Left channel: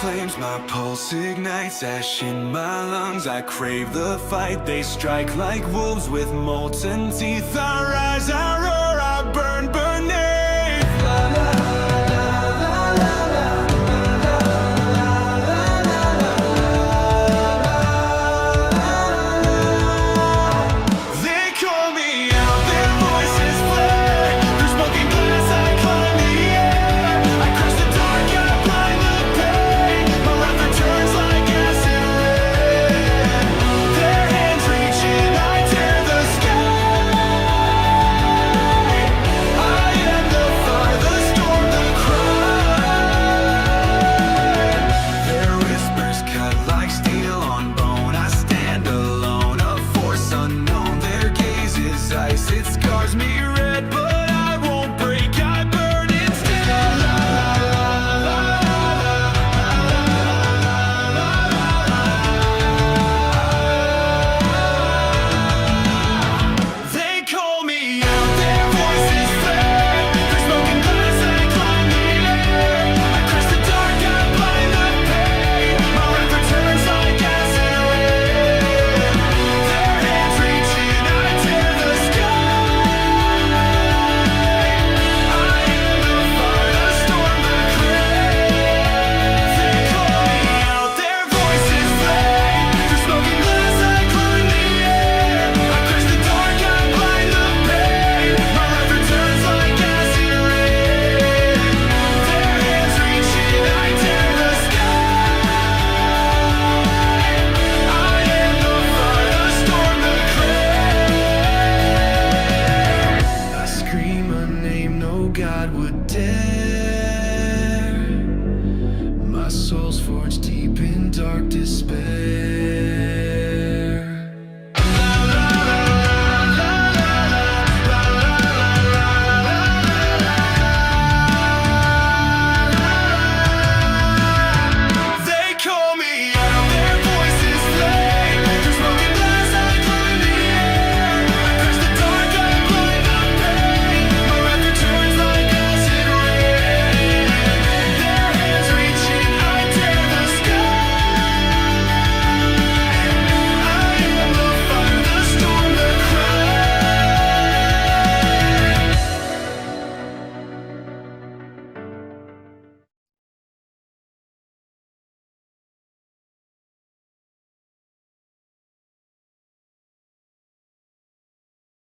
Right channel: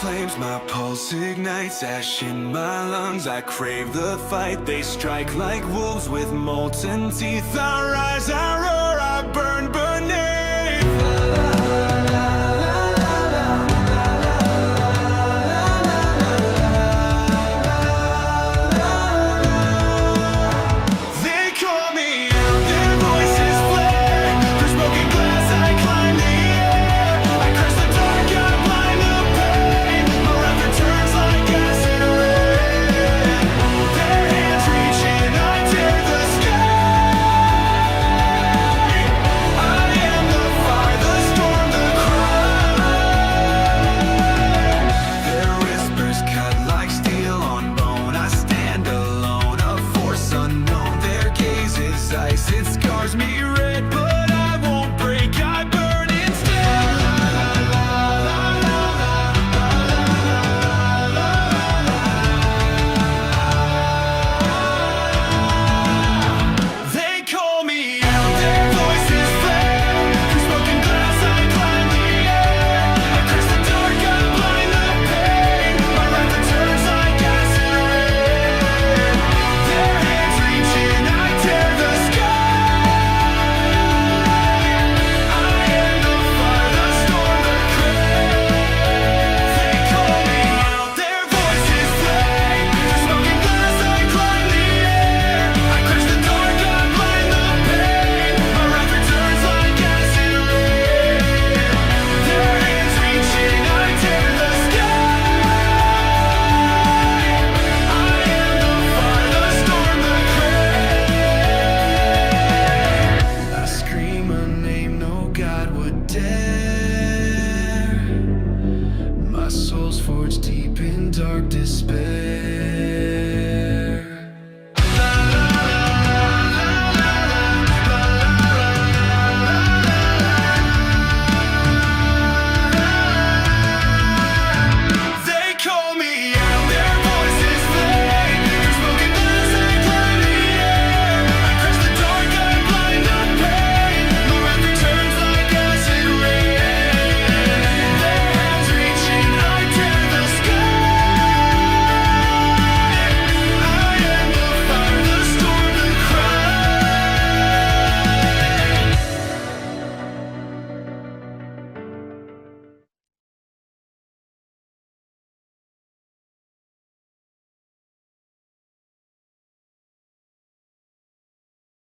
flames, my pulse ignites, ash in my lungs. I crave the fight, they strike like wolves with molten teeth. I rise, I roar, I burn beneath. They call me out, their voices flare. Through smoking glass I climb the air. I crush the dark, I blind the pain. My wrath returns like acid rain. Their hands reach in, I tear the sky. I am the fire, the storm, the cry. Their whispers cut like steel on bone. I stand alone, a force unknown. Their gaze is ice, it scars me red, but I won't break, I burn instead. La la la la la la la la la la la. They call me out, their voices flare. Through smoke and glass I climb the air. I crush the dark, I blind the pain. My wrath returns like acid rain. Their hands reach in, I tear the sky. I am the fire, the storm, the crane. They call me out, their voices flame. Through smoke and glass I climb the air. I crush the dark, I blind the pain. My wrath returns like acid rain. Their hands reach in, I tear the sky. I am the fire, the storm, the crane. I scream a name no God would dare. My soul's forged deep in dark despair.